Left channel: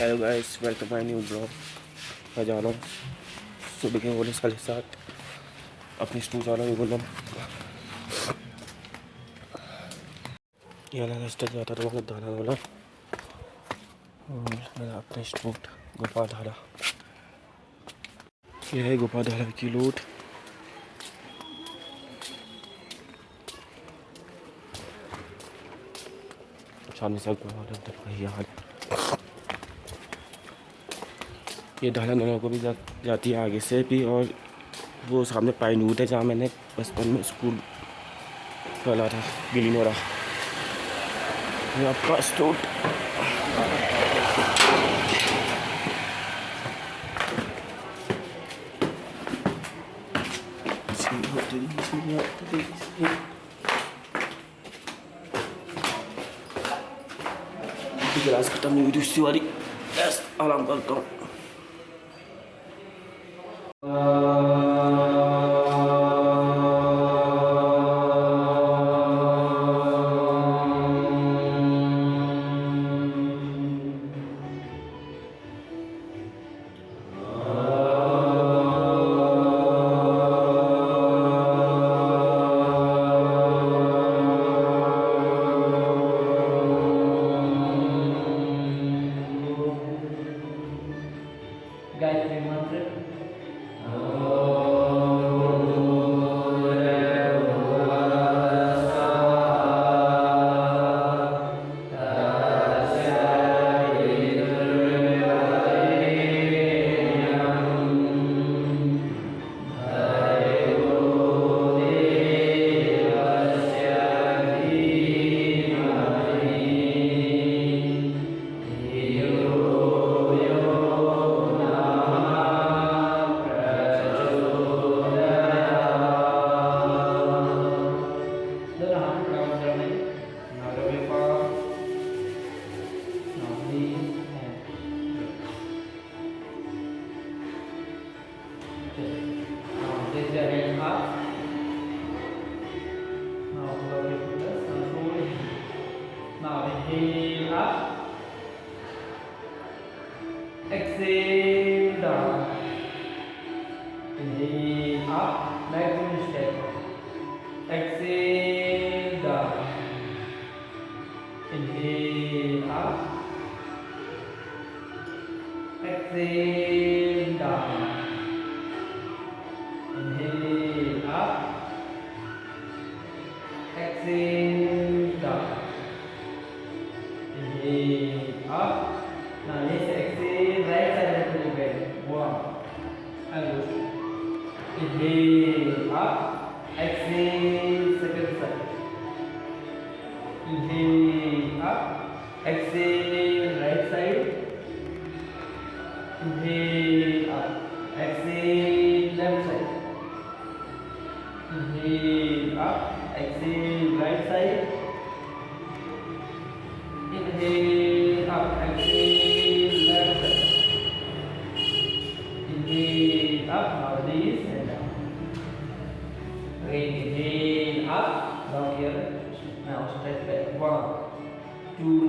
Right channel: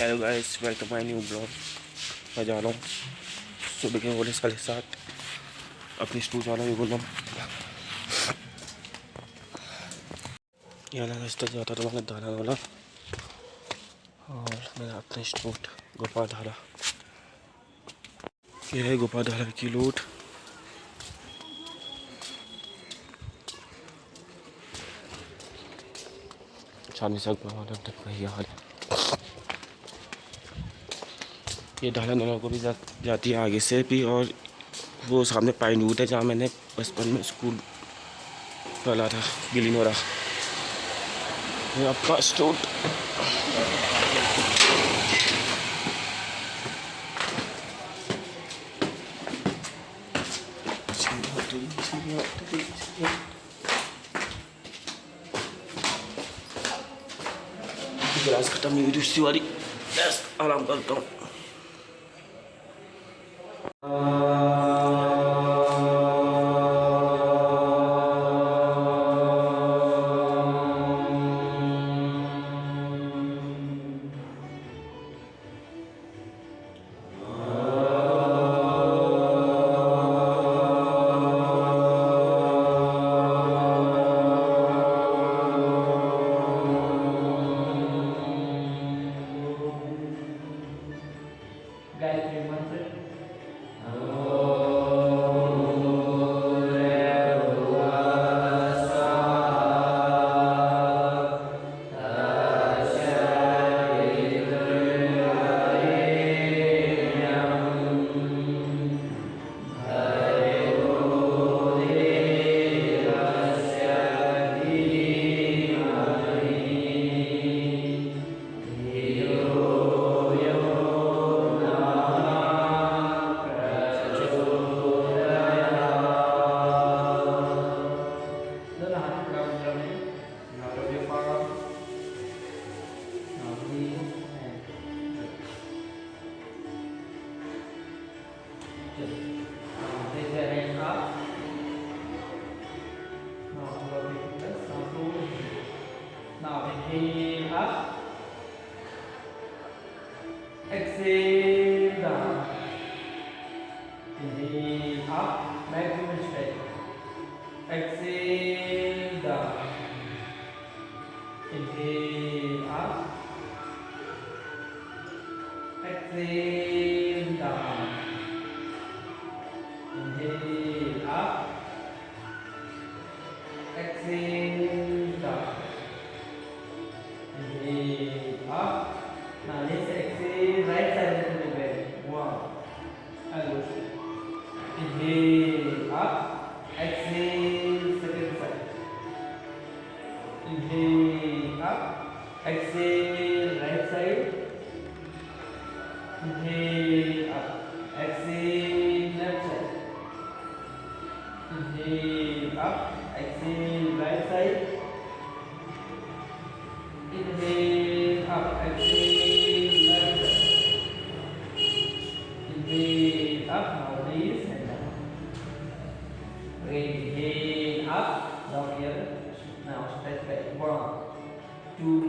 Hello guys, welcome my new blog. मैं जा रहा हूँ सुबह के बोले 7:30 अपनी स्टूल जा रहा हूँ बोलूँ यहाँ स्टेज जाता था वहाँ दाना वाला। और मेरा अपना स्टूट गोपाल धारा, यह है गोपाल धारा की लूट। चांदी सक यार ये ढाला नलों को भी जाती है आगे से भी। और वो सामने पाइन वुड है जहाँ मैंने बचपन में स्कूल डाला था गिली नोरा। ये आपका स्टोर गिलास खत्म नहीं हुई दूसरी वाली। आराम करता हूँ। गायत्री मंत्र। Inhale up, exhale down. Inhale up, maximum step. Exhale down. Inhale up, exhale down. Inhale up, exhale down. Inhale up. Now let's exhale right side to the back. One. And go. Inhale up. Exhale second side. Inhale up. Exhale right side. Inhale up. Exhale left side. Inhale up. Exhale right side. Inhale up, exhale left side. Inhale up, now this and down. Inhale up, down here. Now step back. 1, 2,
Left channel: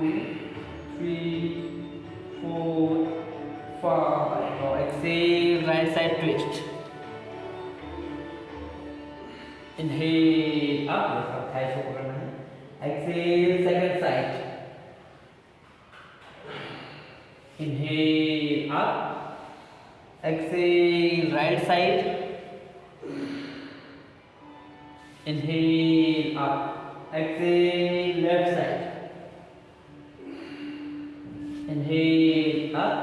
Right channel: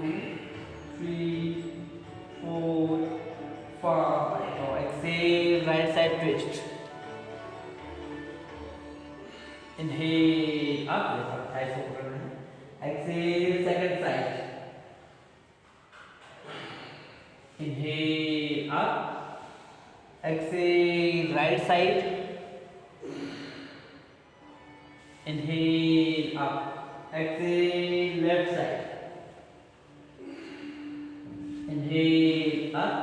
3, 4, 5. Now exhale, right side twist. Inhale up, exhale second side. Inhale up, exhale right side. Inhale up, exhale left side. Inhale up,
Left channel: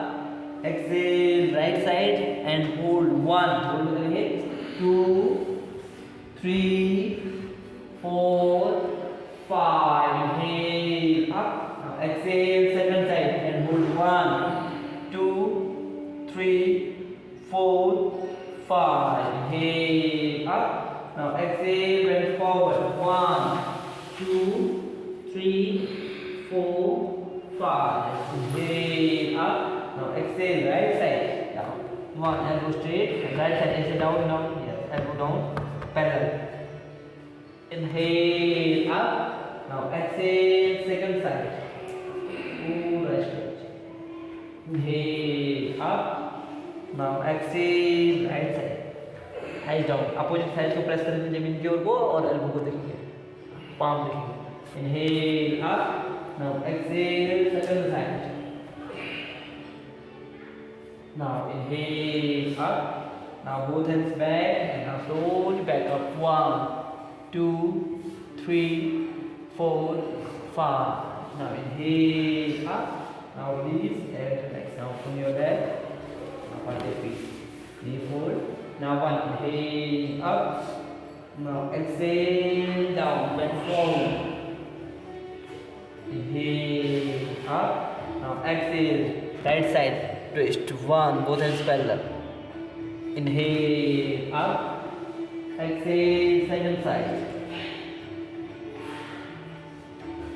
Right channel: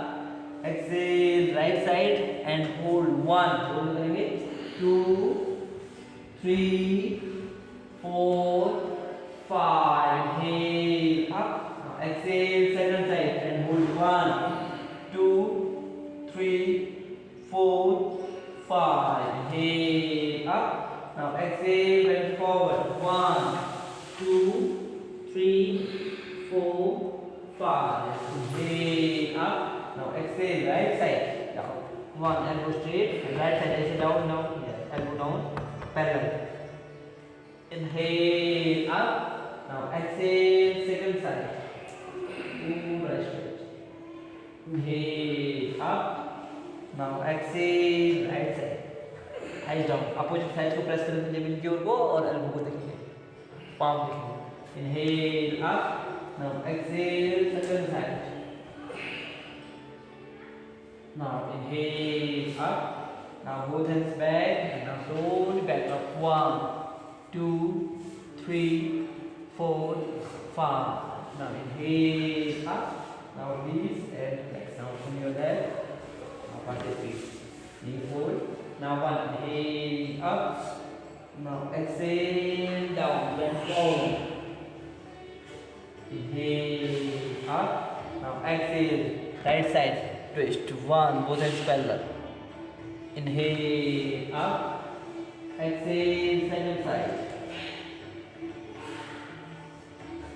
exhale right side and hold 1. Hold करेंगे 2, 3, 4, 5. Inhale up, now exhale second side and hold 1, 2, 3, 4, 5. Inhale up, now exhale and forward 1, 2, 3, 4, 5. Inhale up, now exhale right side down. 1, elbow straight and right side is down now. Yes, elbow down, parallel. Inhale up, now exhale second side. Right straight. Inhale up. Now exhale right side. Eyes down. Opposite side को press करेंगे जमीन की ओर को और elbow को देखेंगे. Palm देखेंगे. Inhale up. Now exhale second side. Now inhale up. Now both hands back and now slowly back up. 1, 2, 3, 4, 5. Now inhale up. Now release and relax. Now from your left. Now part the feet. Knee fold. Now one inhale up. Now exhale down. Bend forward. Inhale up. Now exhale. Right side twist. 1. Both hands parallel. Inhale up. Exhale second side.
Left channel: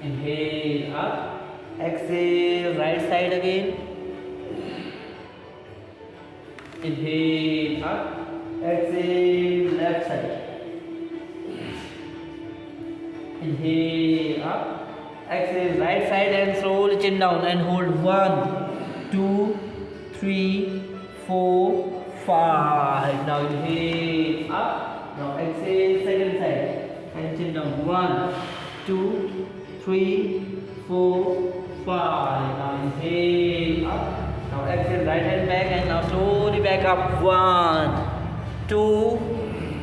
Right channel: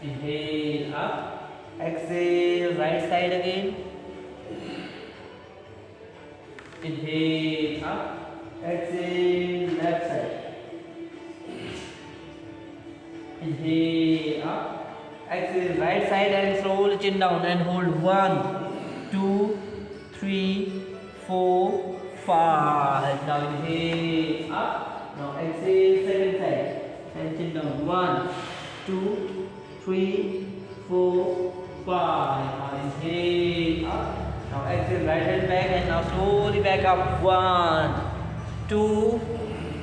Inhale up. Exhale right side again. Inhale up. Exhale left side. Inhale up. Exhale right side and slowly chin down and hold 1, 2, 3, 4, 5. Now inhale up. Now exhale second side and chin down. 1, 2, 3, 4, 5. Now inhale up. Now exhale right hand back and now slowly back up. 1, 2,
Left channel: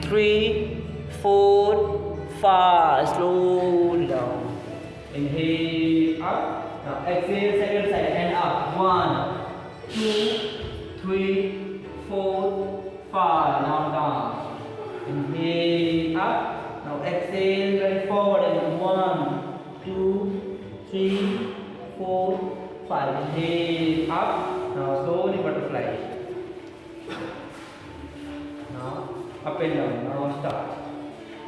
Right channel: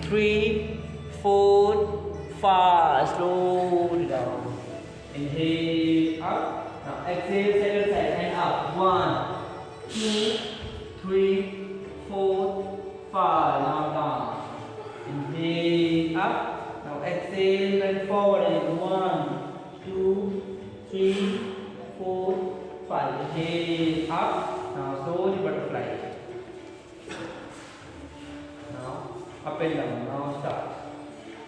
3, 4, 5. Slowly down. Inhale up. Now exhale second side and up. 1, 2, 3, 4, 5. Now down. Inhale up. Now exhale and forward and 1, 2, 3, 4, 5. Inhale up. Now slowly butterfly. Now up and down. Now start.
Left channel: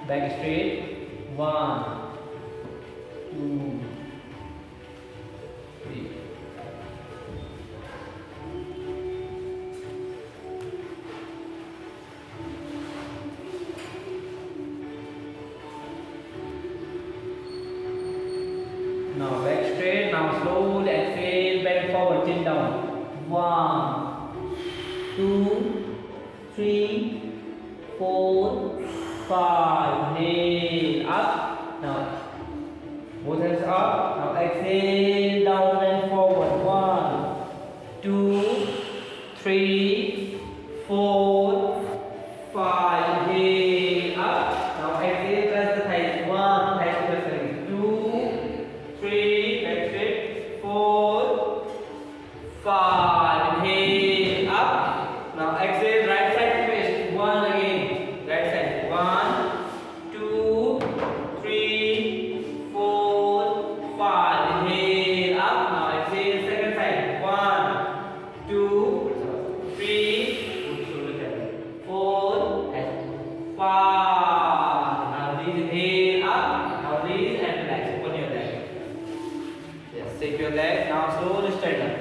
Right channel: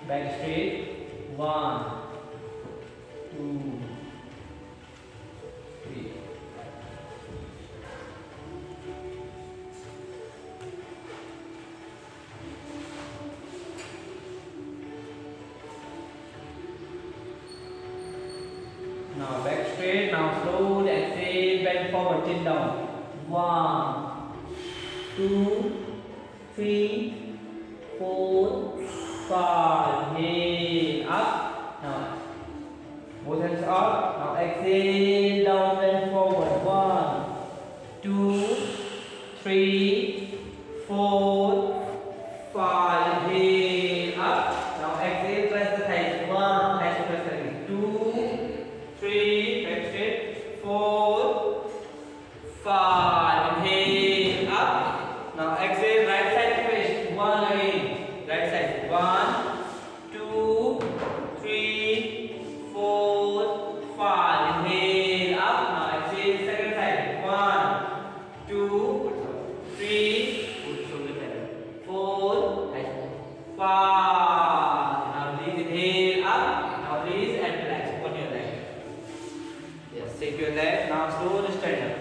Back straight. 1, 2, 3. Now back straight. Now slowly exhale, bend forward, chin down. 1, 2, 3, 4, 5. Inhale up. Now both hands up. Now exhale down, bend forward. 1, 2, 3, 4, 5. Inhale up. Now exhale, press the thighs. 1, thighs to press करेंगे. 2, 3, back straight. 4, 5. Inhale up. Now exhale, right side twist. 1 again. Right side. 1, 2, 3, 4, 5. Inhale up. Now exhale, second side. 1, 2, 3, 4, 5. Now release, inhale up. Now release and relax. Open your leg. Yes, take your leg. Now slowly straighten.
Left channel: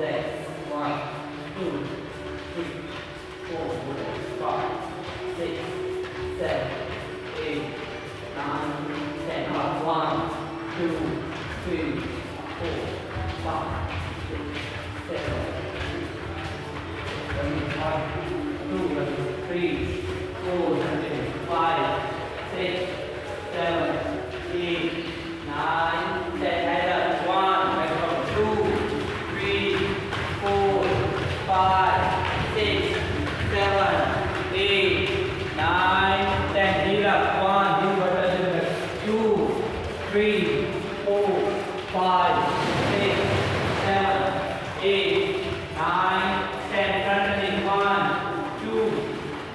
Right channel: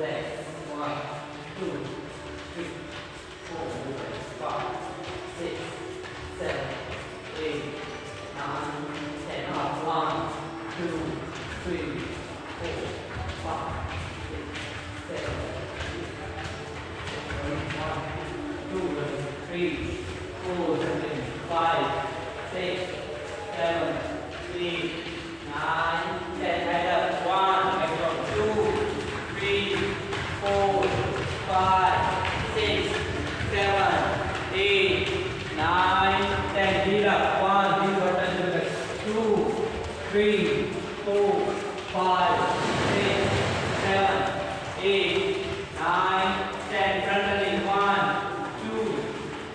legs. 1, 2, 3, 4, 5, 6, 7, 8, 9, 10. Up. 1, 2, 3, 4, 5, 6, 7, 2, 3, 4, 5, 6, 7, 8, 9, 10. Head up. 1, 2, 3, 4, 5, 6, 7, 8, 9, 10. Heel up. 1, heel up. 2, 3, 4, 5, 6, 7, 8, 9, 10. Turn the knee. 1, 2,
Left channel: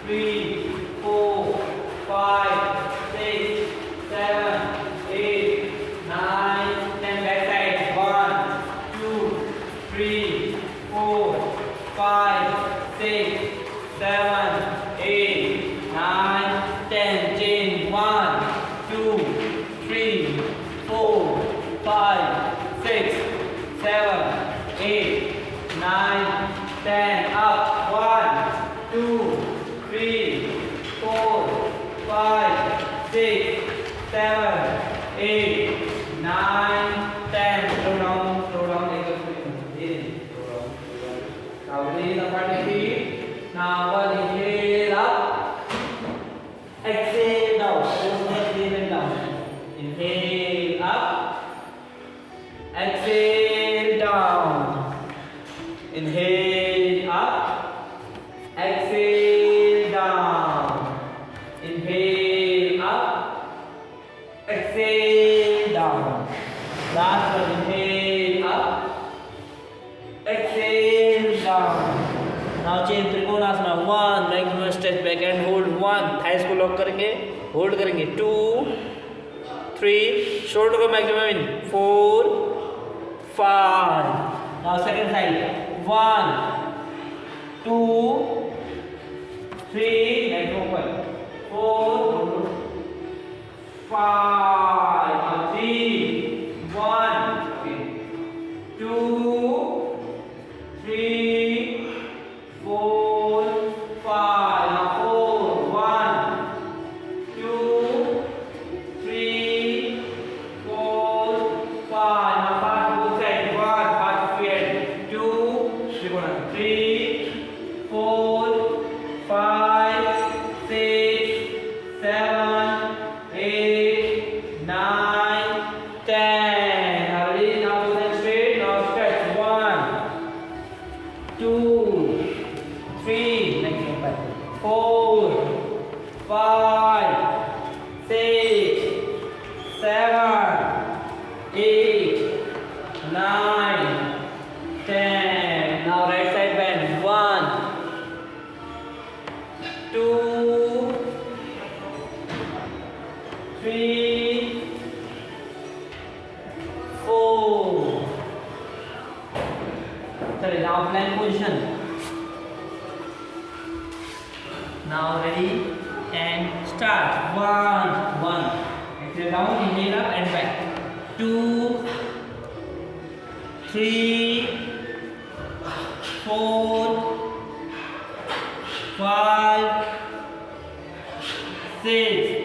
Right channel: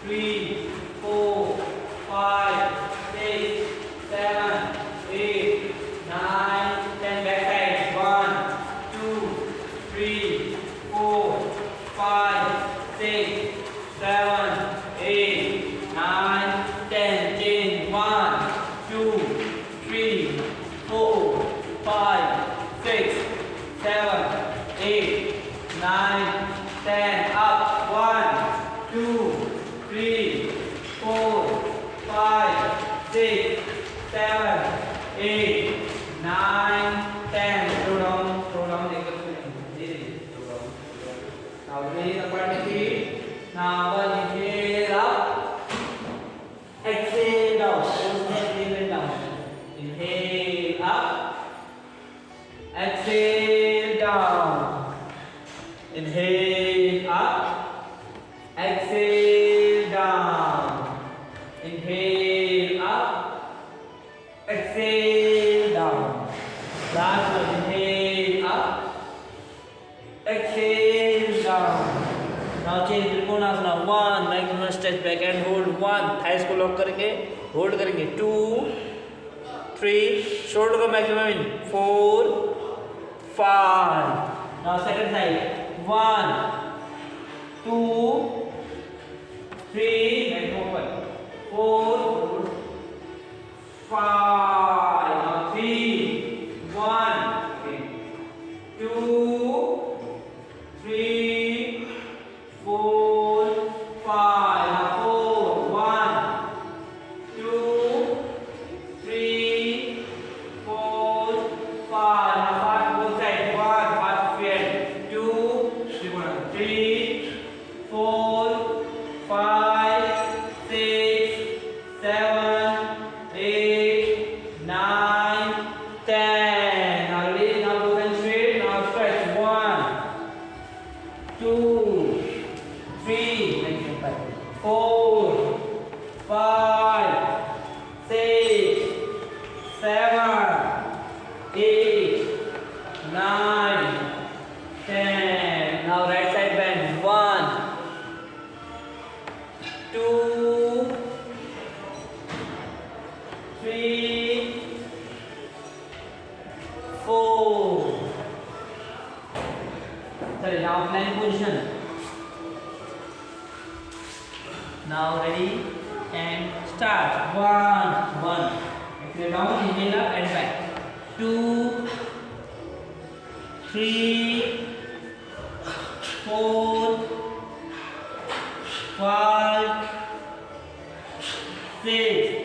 3, 4, 5, 6, 7, 8, 9, 10. Back side. 1, 2, 3, 4, 5, 6, 7, 8, 9, 10. Change. 1, 2, 3, 4, 5, 6, 7, 8, 9, 10. Up. 1, 2, 3, 4, 5, 6, 7, 8, 9, 10. Slow down, slow down. Take a quick breathing. Slow down, slow down. Now release the front of feet. Now one inhale up. Exhale down. Exhale and down. Inhale up. Exhale down. Inhale up. Exhale down. Inhale up. Exhale down. Last one. Inhale up. Exhale down. Now change trikonasana. 1 maximum stretch back and hold. 1 thighs को lock करेंगे, hold करेंगे. 2, 3 shoulder को maximum in. 4, 5. Now second side. 1, 2, 3 maximum open. 4, 5. Now 3, 1, 2, 3, 4, 5. Now 4, 1, 2, 3, 4, 5. Now fast both sides. 1, fast feet. 2, 3, 4, 5, 6, 7, 8, 9, 10. Now release. Now go down straight. Now stretch. 1, 2, 3, 4, 5, 6, 7, 8, 9, 10. Now right side bend. 1, 2, 3, 4. Sorry, now plank position. Now ready and start. 1, 1. Exhale down, inhale up and back. 2, 3, 4, 5, 6.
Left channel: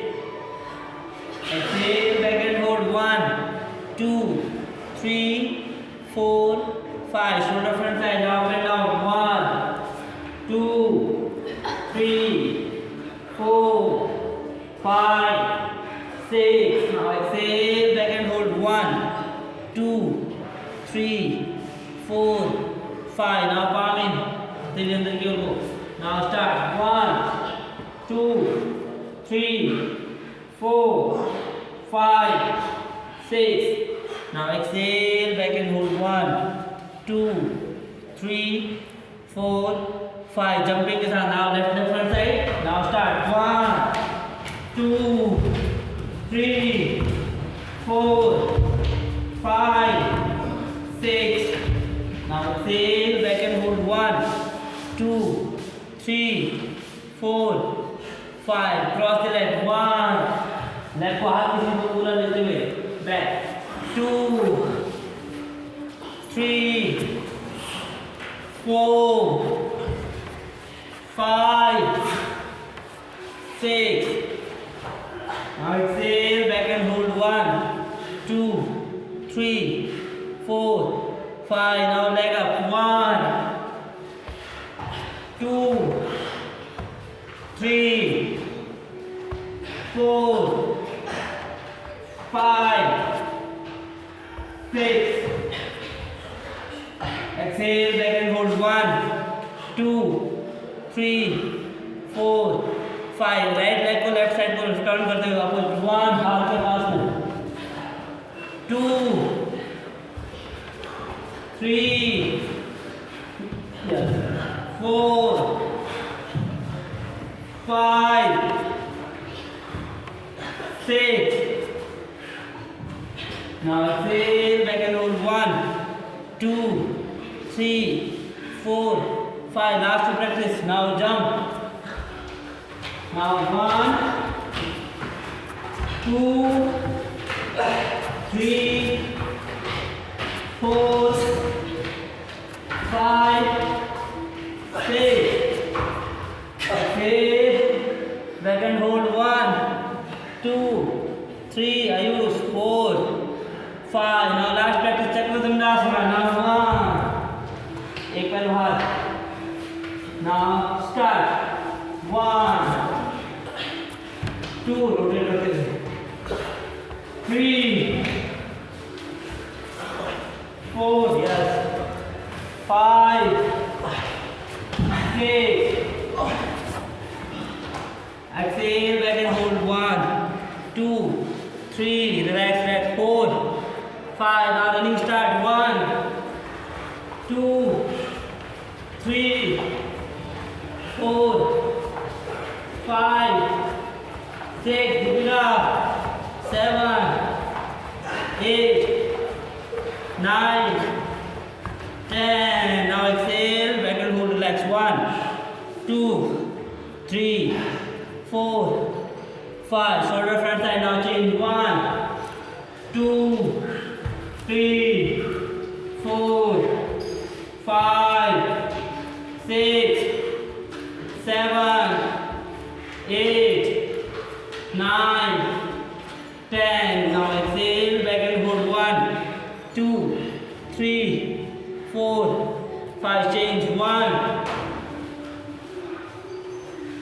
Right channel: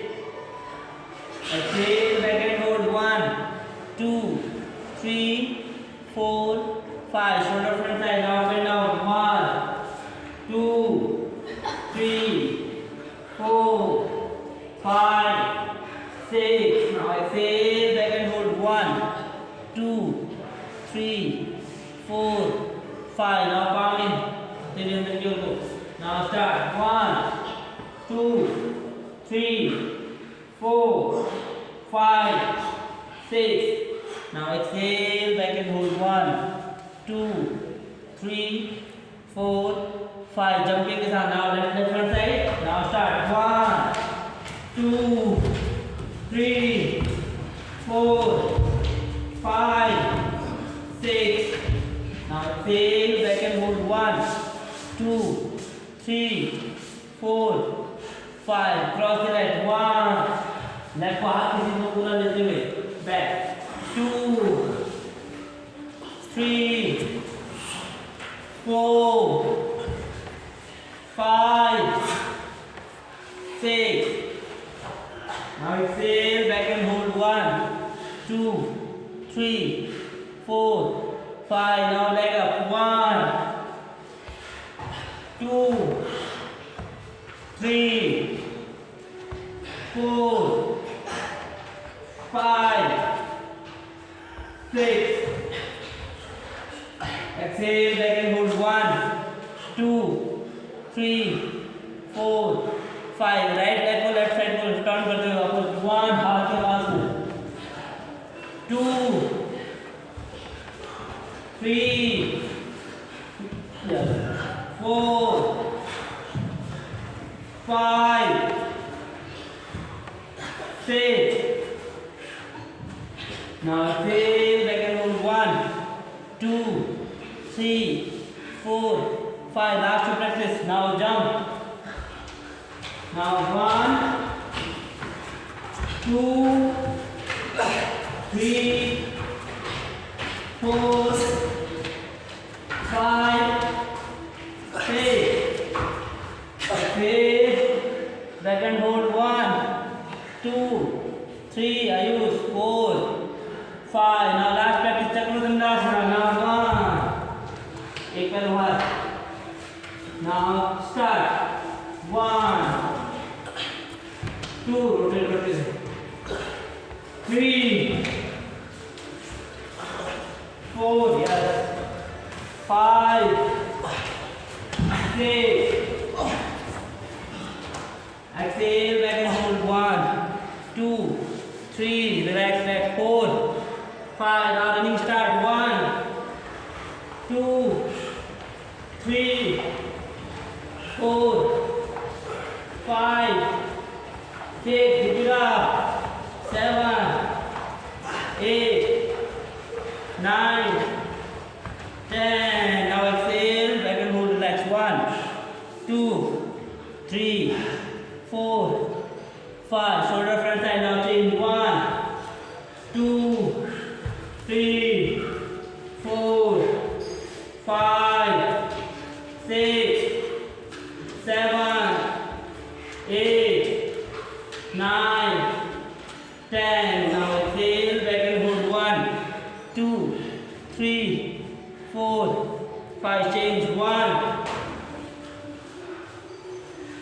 Exhale back and hold. 1, 2, 3, 4, 5. Shoulder front side. Now bend down. 1, 2, 3, 4, 5, 6. Now exhale back and hold. 1, 2, 3, 4, 5. Now palm in. Till under your elbow. Now start. 1, 2, 3, 4, 5, 6. Now exhale back and hold. 1, 2, 3, 4, 5. Jumping is on. Now left leg front side. Now start. 1, 2, 3, 4, 5, 6. Now exhale back and hold. 1, 2, 3, 4, 5. Cross the leg. 1. Left को हाथ किसी को पूरा लेते हुए back. 2, 3, 3, 4, 5. Now leg up. 1, 2, 3, 4, 5, 6. Exhale, leg and hold. 1, 2, 3, 4, 5. Right leg को left side को turn करते हुए वापस 1 हाथ के पास में 2, 3, 4, 5, 6. Now exhale, back and hold. 1, 2, 3, 4, 5. Last to practice. Now jump. Now 1, 2, 3, 4, 5, 6. Exhale, back and hold. 1, 2, 3. Ayush. 4, 5. Now last practice Chakradandasana. Now 1. एक पैर बाहर. Now start. 1, 2. Rotate करते हैं. 3, 4. Yes. 5, 6. Exhale, back and hold. 1, 2, 3. Relax, relax. 4, 5. Now running start. 1, 2, 3, 4, 5, 6. Keep it up. 7, 8, 9, 10. Now exhale, back and hold. Relax. 1, 2, 3, 4, 5. Shoulder front side. Now change. 1, 2, 3, 4, 5, 6, 7, 8, 9, 10. Now exhale, back and hold. 1, 2, 3, 4, 5. Change. 1,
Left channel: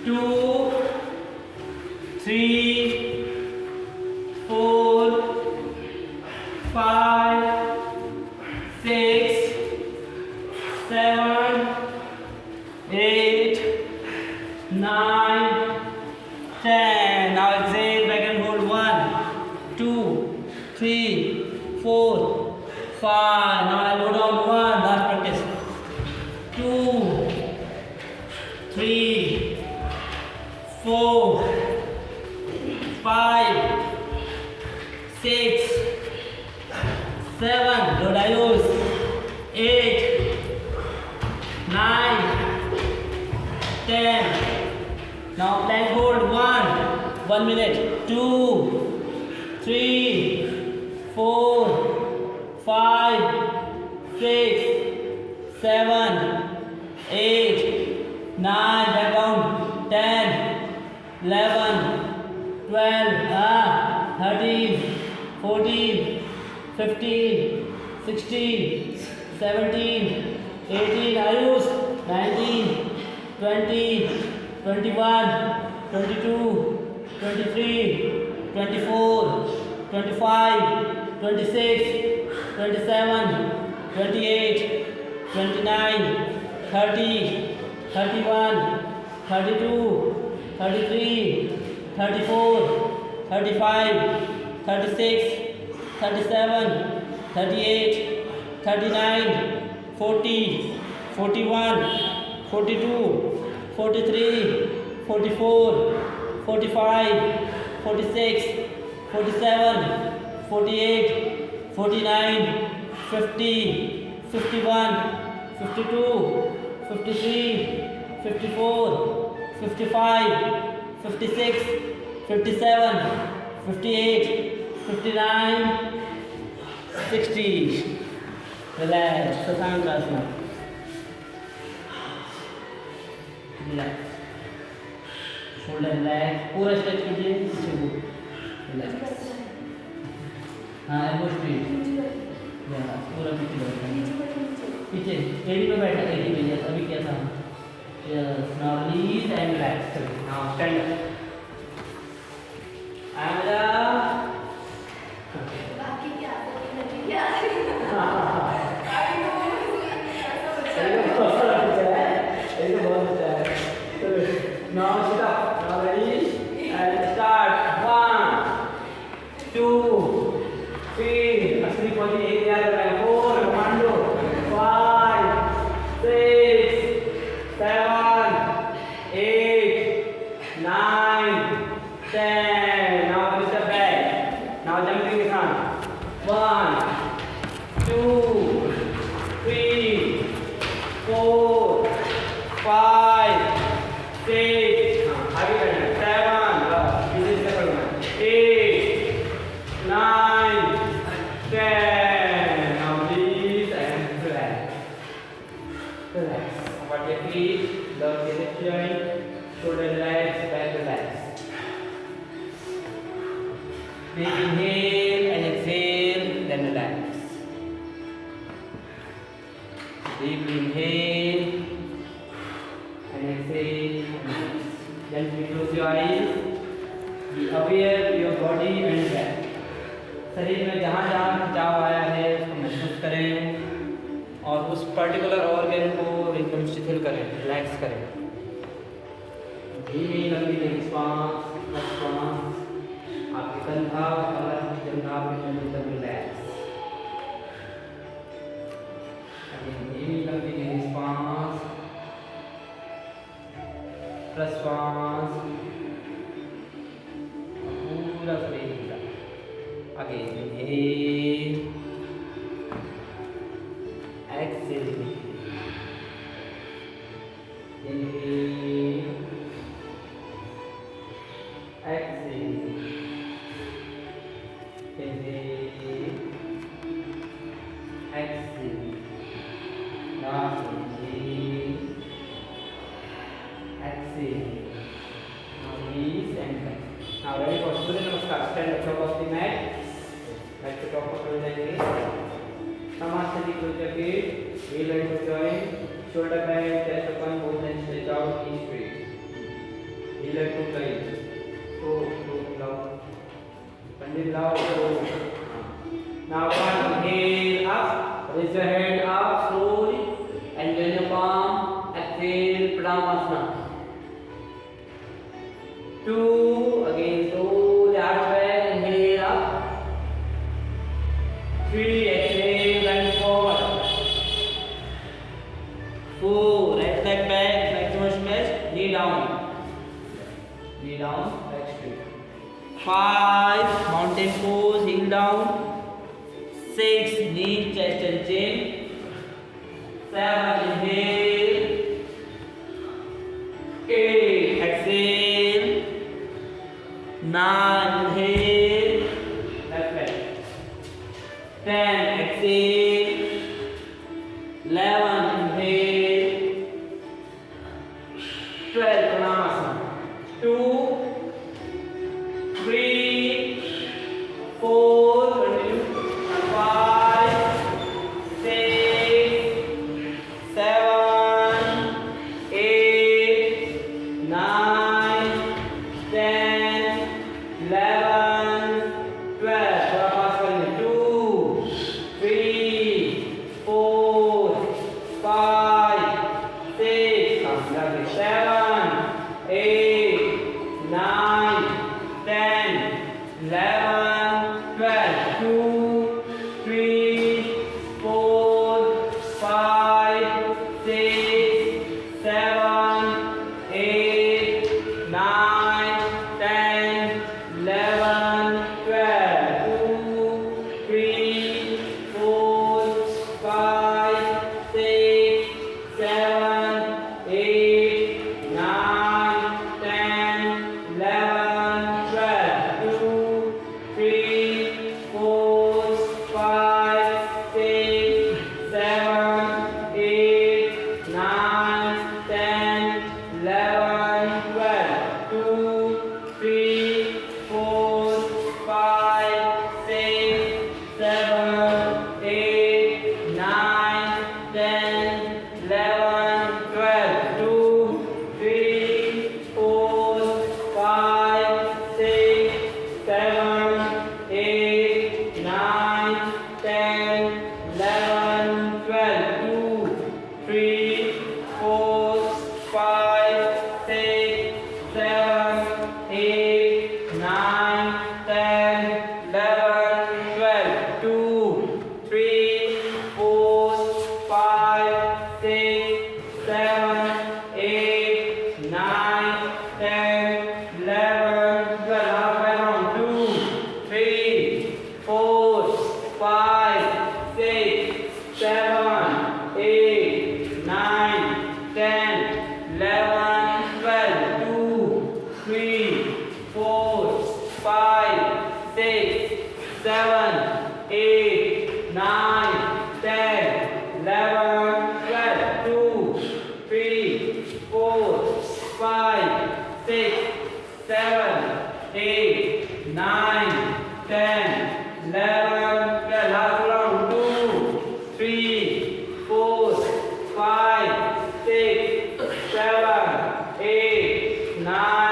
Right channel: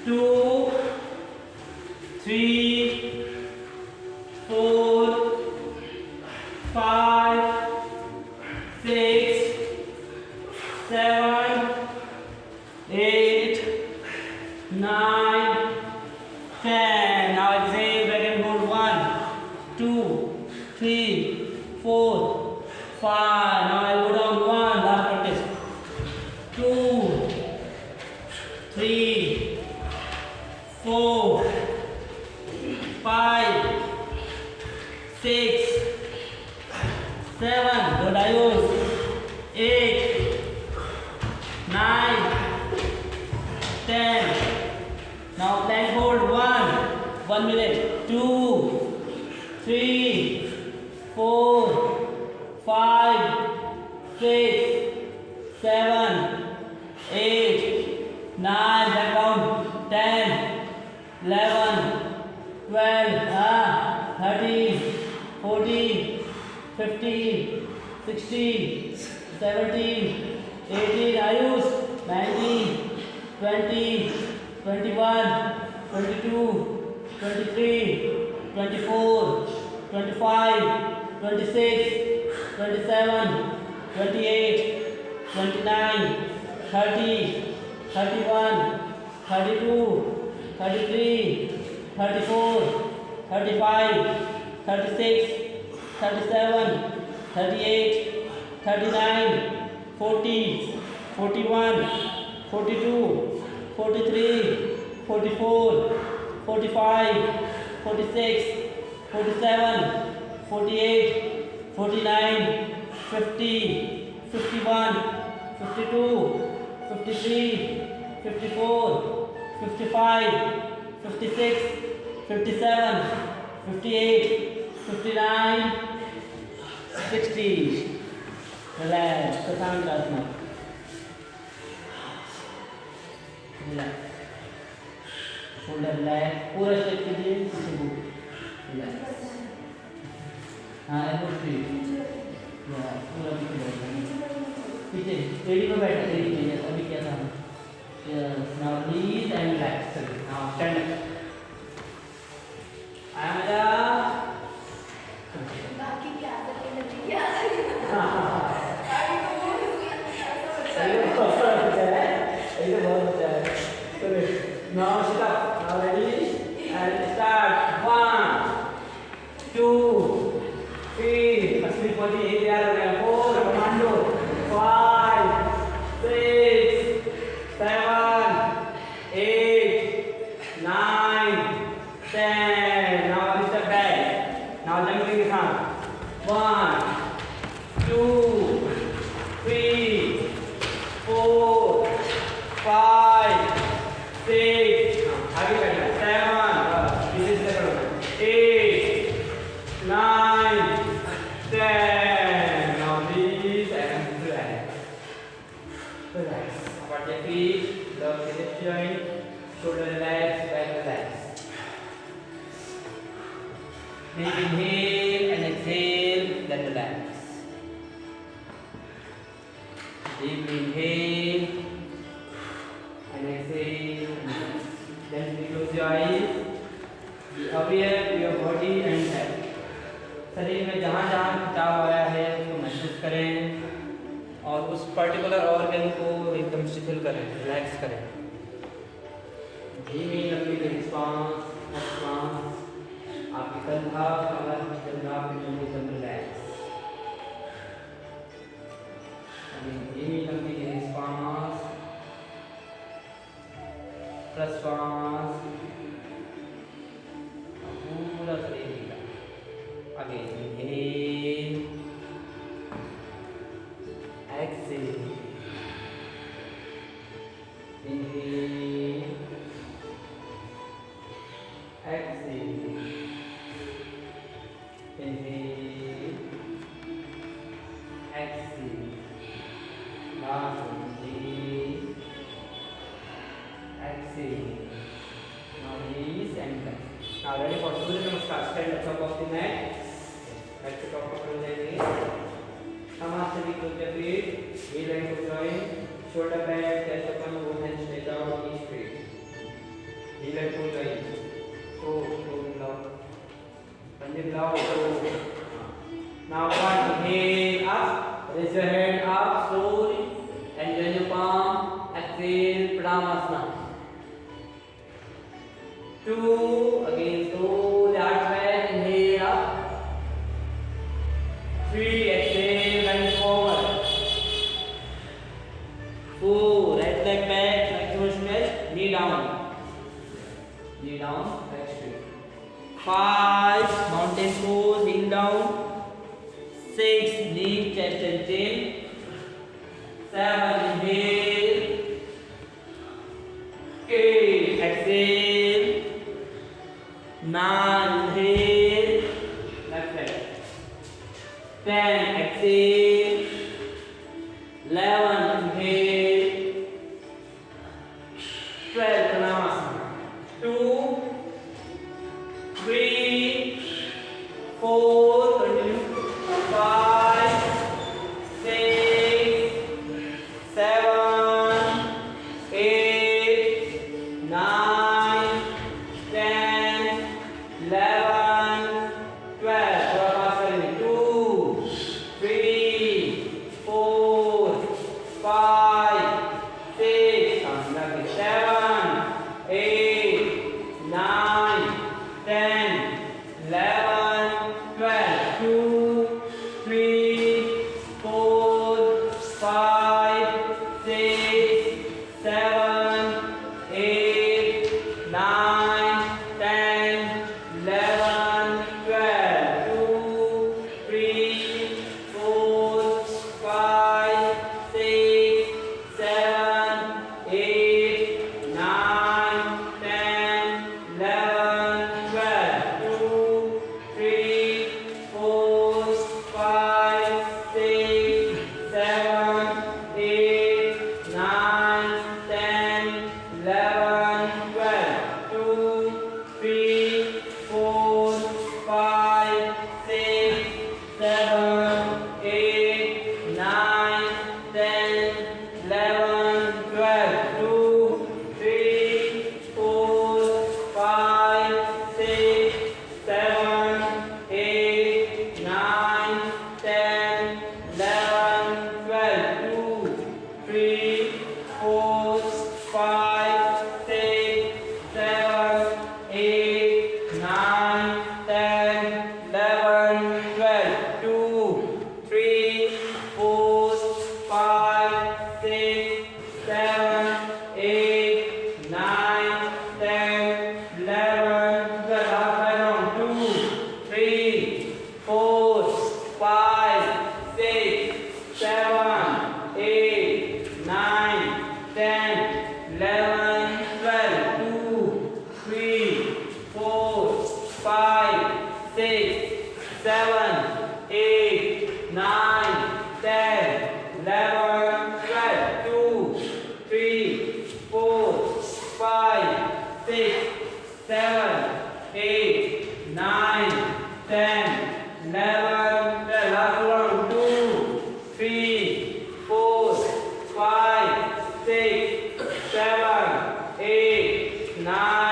2, 3, 4, 5, 6, 7, 8, 9, 10. Now exhale, back and hold. 1, 2, 3, 4, 5. Now I go down. 1. Last practice. 2, 3, 4, 5, 6, 7. Good. Ayush. 8, 9, 10. Now plank hold. 1 minute. 2, 3, 4, 5, 6, 7, 8, 9. Back down. 10, 11, 12, 13, 14, 15, 16, 17, 18. Ayush. 19, 20, 21, 22, 23, 24, 25, 26, 27, 28, 29, 30, 31, 32, 33, 34, 35, 36, 37, 38, 39, 40, 41, 42, 43, 44, 45, 46, 47, 48, 49, 50, 51, 52, 53, 54, 55, 56, 57, 58, 59, 60. Relax. Sasangasana. Relax. Shoulder relax. पूरा stretch कीजिए. Relax. हाँ elbow straight या पूरा पीछे बैठना पीछे AD पे बैठा एडी पे यस अभी क्या था yes now please and relax now stand आमदा बाकी क्या करेंगे क्या करेंगे Now sit up. Now ready and start. 1, 2, 3. असली पहुंची एक तैयार हो रहा है. 4. Commando. 5, 6, 7, 8, 9, 10. Now one step back. Now jumping the sound. 1, 2, 3, 4, 5, 6, आगे बढ़ना 7, इधर से बढ़ना 8, 9, 10. Now this and relax. Relax. About your feet, lower the hip joint, shoulder relax, back relax. Deep inhale and exhale, then relax. Deep inhale and exhale. Gently close your eyes. Be aware of your body and breath. शरीर में जहाँ जहाँ खिंचाव आया है उसको महसूस करें और उस पर्टिकुलर ऑर्गन को एकदम शिथिल करें, रिलैक्स करें. धीमी लंबी लंबी श्वास, आपके कंधा और जंघाव के एकदम रिलैक्स. धीमी लंबी लंबी श्वास, प्रश्वास, पूरा शरीर हिला. आगे inhale, exhale, inhale, exhale, inhale, exhale. Last inhale, exhale. Now release and back. Now ready for Surya Namaskar. Stand up top of the mat. Back to top of the mat. Samasthiti close your feet. Heel and foot join. Shoulder back, chest open, both hands stretch out, knees straight. Heel and foot join. So loud. Pandit loud. So. Now one inhale up. Raise your head up slowly and join your palm. Exhale, Pranayama. 2, again slowly out back, inhale up. 3, exhale and forward. 4, right leg back, maximum stretch, knee down. Knee down, back straight. 5, mountain pose, heel down. 6, knee, chest and chin. 7, inhale. 8, exhale. 9, inhale. Left leg. 10, exhale. 11, inhale. 12, Pranayama. 2, 3, 4, continue. 5, 6, 7, 8, 9, 10, 11, 12. थोड़ा पास करेंगे. 2, 3, 4, 9, 10, 11, 12, 2, 3, 4, 5, 6, 7, 8, 9, 10, 11, 12. Last round. 2, 3, 4, 5, 6, 7, 8, 9.